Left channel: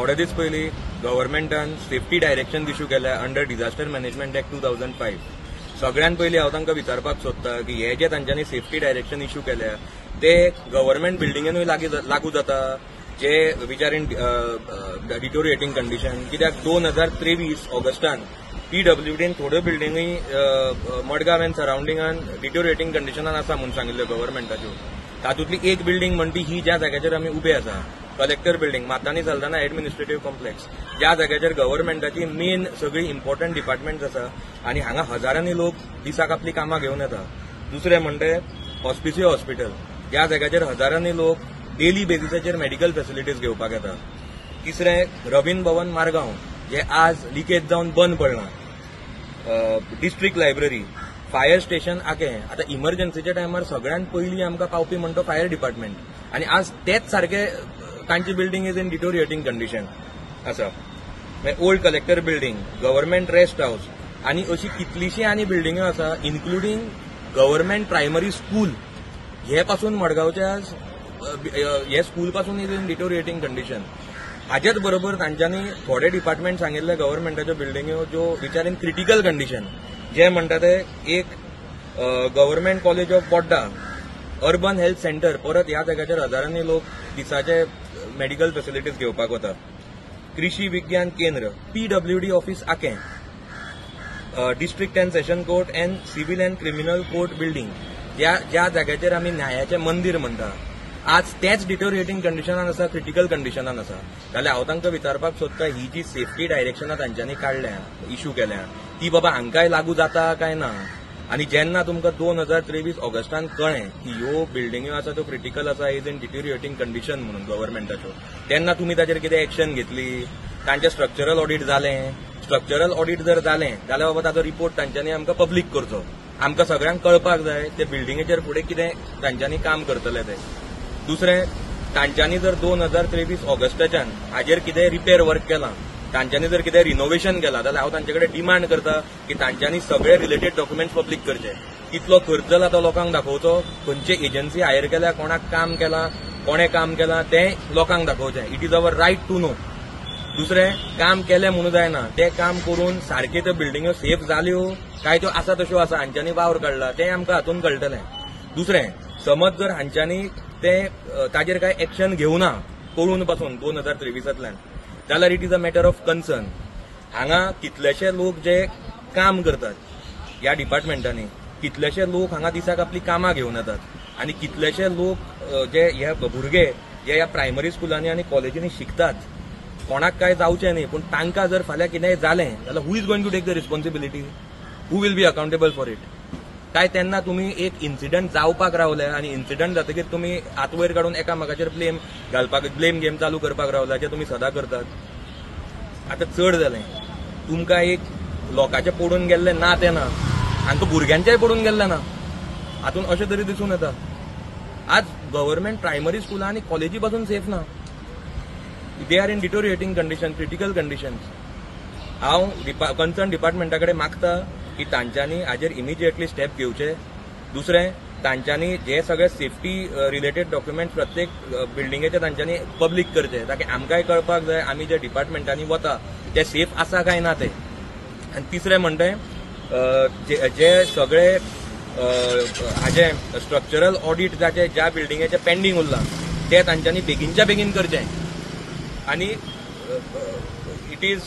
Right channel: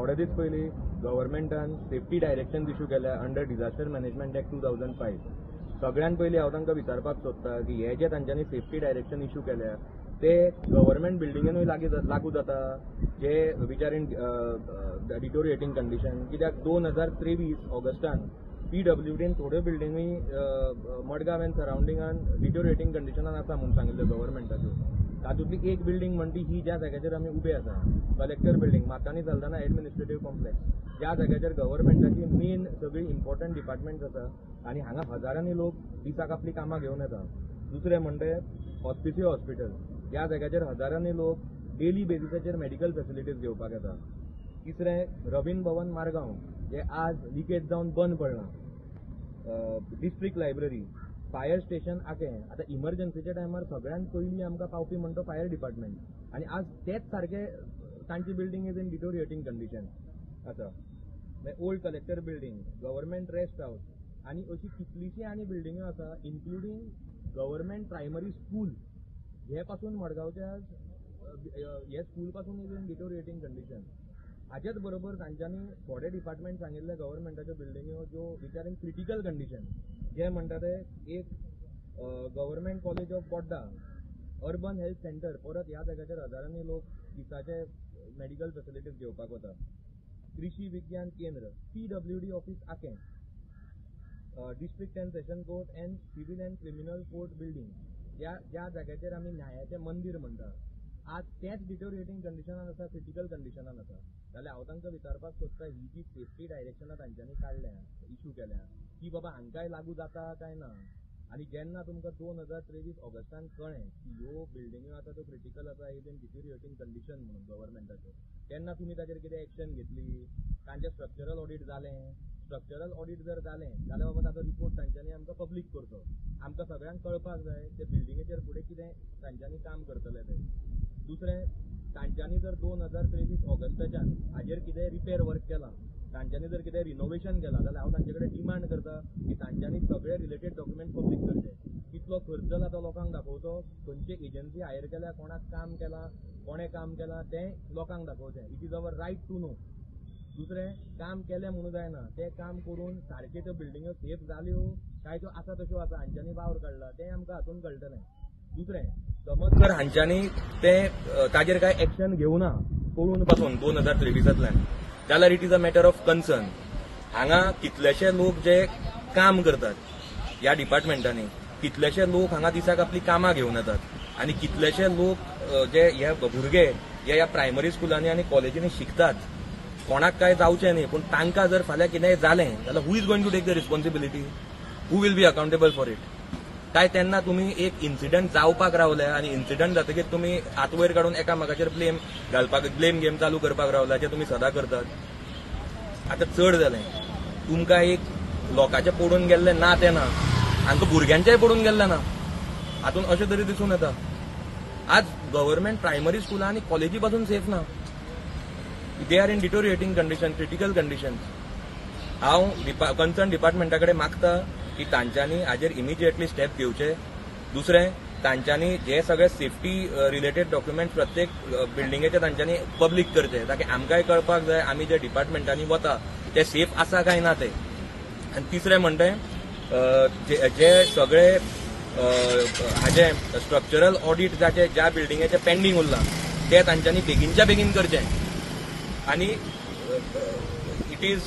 थोडे दीस पयलीं गव्हर्मेंटान safety direction issue केल्या अंडर डिझास्टर मॅनेजमेंट एक्ट 2005. सगळ्यात पयलीं हांव तांकां विचारपाक सोदतां की हे जे तांच्यांनी सेफ्टी डायरेक्शन इश्यू केल्या ते गव्हर्मेंट बिल्डिंगेनूय लागू जाता जे which are in deteriorating condition. कित्याक 2023 ऑगस्टान PWDन थोड्यो बिल्डिंगी मडगांव एंड सराउंडिंगान डिटोरिएटिंग कंडिशनान आसा म्हणून सांगिल्ल्यो गव्हर्मेंटाच्यो. तातूंतली एक बिल्डिंग म्हणटी ही ज्या जाग्याचेर आमी उबे आसा, collector building, Matanhy Saldanha administrative complex, ज्या जाग्याचेर गव्हर्मेंटाची मेन सगळी इम्पॉर्टंट डिपार्टमेंट्स आसा आनी हांगा हजारांनी लोक दिसाक आपली कामां घेवन येता. दुसरें म्हणटे हॉस्पिसियो हॉस्पिटल, ज्या जाग्याचेर हजारांनी लोक डेली बेसिसाचेर मेडिकल फॅसिलिटीज घेवपाक येता. तिसरें रवींद्र भवन मारगांव, जे आज लिकेज जावन बंद पडलां. डिस्ट्रिक्ट लायब्ररी, फायर स्टेशन आकें. आता इमर्जन्सीच्या टायमार सगळ्यात पयलीं आमकां पावपी म्हणटा फायर डिपार्टमेंट, आनी आज तेच सारखे तांची building is in deteriorating condition आसा. Old collector building, government rest house आनी अशी कितलीशीं आनी बिल्डिंगो आसा, इन्क्लुडींग गव्हर्मेंट प्रायमरी स्कूल. हे पासून मडगांवच्या हे स्कूल पासून इज इन डिटोरिएटिंग कंडिशन. हाच्याच बरोबर तांच्यांनी थोडे डिपार्टमेंट सांगिल्ले गव्हर्मेंटाच्यो बिल्डिंगो ज्यो which are in critical condition, जे म्हणटा ते एक government college of Borda, urban health centre, परत ह्या जाग्याचेर हजारांनी लोक दिसाचे मेडिकल फॅसिलिटीज घेवपाक वता. कृषी विज्ञान केंद्र, PWD ऑफिस आकें, district and session court and civil and criminal court building, ज्या जाग्याचेर आमी न्यायाचें मंदिर म्हणटा, आज तेच डिटोरिएटिंग कंडिशनान आसा, क्रिटिकल कंडिशनान आसा. जाल्यार हांव तांकां विचारपाक सोदता, ही जी सेफ्टी डायरेक्शनां तांच्यांनी काडल्या, इश्यू केल्या, ती बाबा हांकांय लागू जाता काय ना. आनी जेन्ना तुमकां 2023 ऑगस्टान कळ्ळें की ह्यो बिल्डिंग्यो आसा त्यो क्रिटिकल आसा, इज इन डिटोरिएटिंग कंडिशन म्हणून गव्हर्मेंटाच्यो, तेन्ना तुमी ताचेर कितें एक्शन घेतली? तांचें स्ट्रक्चरल ऑडिट जालें. स्ट्रक्चरल ऑडिट जर जालें जाल्यार बाबा ताचो रिपोर्ट तांच्यांनी आमकां पब्लीक करचो. आमकां सगळ्यांक कळपाक जाय ते बिल्डिंगेचेर फुडें कितें तांच्यांनी काम करतले ते. दुसरें, तांच्यांनी जर 2023 ऑगस्टाच्यान हाजेर कितें रिपेर वर्क केलां, तांच्यांनी जर कितें रिनोव्हेशन केलां, जाल्यार हांव तांचे कडेन डिमांड करता की तांच्यांनी सगळे रिलेटेड डॉक्युमेंट्स पब्लीक करचे. कितलो खर्च जाला तो लोकांक दाखोवचो, खंयचे एजन्सी हायर केल्या, कोणाक काम केलां, कोणें काम केलां तें लोकांक दाखोवचें. It is our right to know. दुसरें, काम केलें म्हणून जायना, तें काम करून सारके त्यो बिल्डिंग्यो सेफ जाल्यो काय त्यो आसा तश्यो आसा, हांच्यांनी वावर काडला तें आमकां हातून कळटलें. दुसरें, समज जर हांच्यांनी तें ताजेर कांय एक्शन घेवना कळून पासून 2023 जाल्यार it is a matter of concern. हांगा कितलेशे लोक जे काम करतात ह्या डिपार्टमेंटांनी, कितलेशे लोक हांगा दिसाक आपली कामां घेवन येतात, आनी कितलेशे लोक जे हे भुरगे जे ह्या प्रायमरी स्कुलांनी आनी कॉलेजींनी शिकतात, कोणाक काय जावचें न्ही, पूण तांकां जर फाल्यां कितेंय जालें जाल्यार who is going to take the responsibility? Who will be accountable for it? काय तेन्ना तुमी एक इन्सिडंट जावपाक रावले आनी इन्सिडंट जातकीर तुमी हात वयर काडून एकामेकाचेर ब्लेम घालपाक, ब्लेम गेम चालू करपाक रावला, जे तुमी सदां करतात. आतां चड जालें, तुमकां एक लोकांचे पडून गेल्ले ना ते ना, हांकां भुरग्यांचेय पडून गेल्ले ना, हातून अशें तरी दिसून येता. आज गव्हर्मेंट प्रायमरी स्कुलां आनी कॉलेजी पासून सेफ ना, they are in deteriorating condition, critical conditions. हांव कन्सर्न डिपार्टमेंटा कडेन मागता की तांच्यांनी हाजेर इमिजिएटली स्टेप घेवचे. दुसरें, तांच्यांनी जे सगळे सेफ्टी रिलेटेड डॉक्युमेंट्स प्रत्येक बिल्डिंगेचे तांच्यांनी पब्लीक करचे, ताकी आमकांय कळपाक जाय आमी जे डिपार्टमेंटांनी वता ते सेफ आसा काय ना ते. आनी तिसरें म्हणटे जे सगळे हाजे स्ट्रक्चरल ऑडिट जाचे ज्या बिल्डिंगेचे पेंडींग उरला ते तांच्यांनी बेगीनच्या बेगीन करचे. आनी इट इज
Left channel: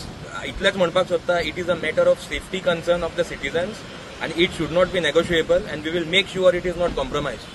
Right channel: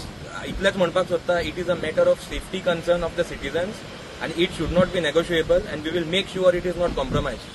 इतलेंच म्हणपाक सोदता, it is a matter of safety concern of the citizens, and it should not be negotiable, and we will make sure it is not compromised.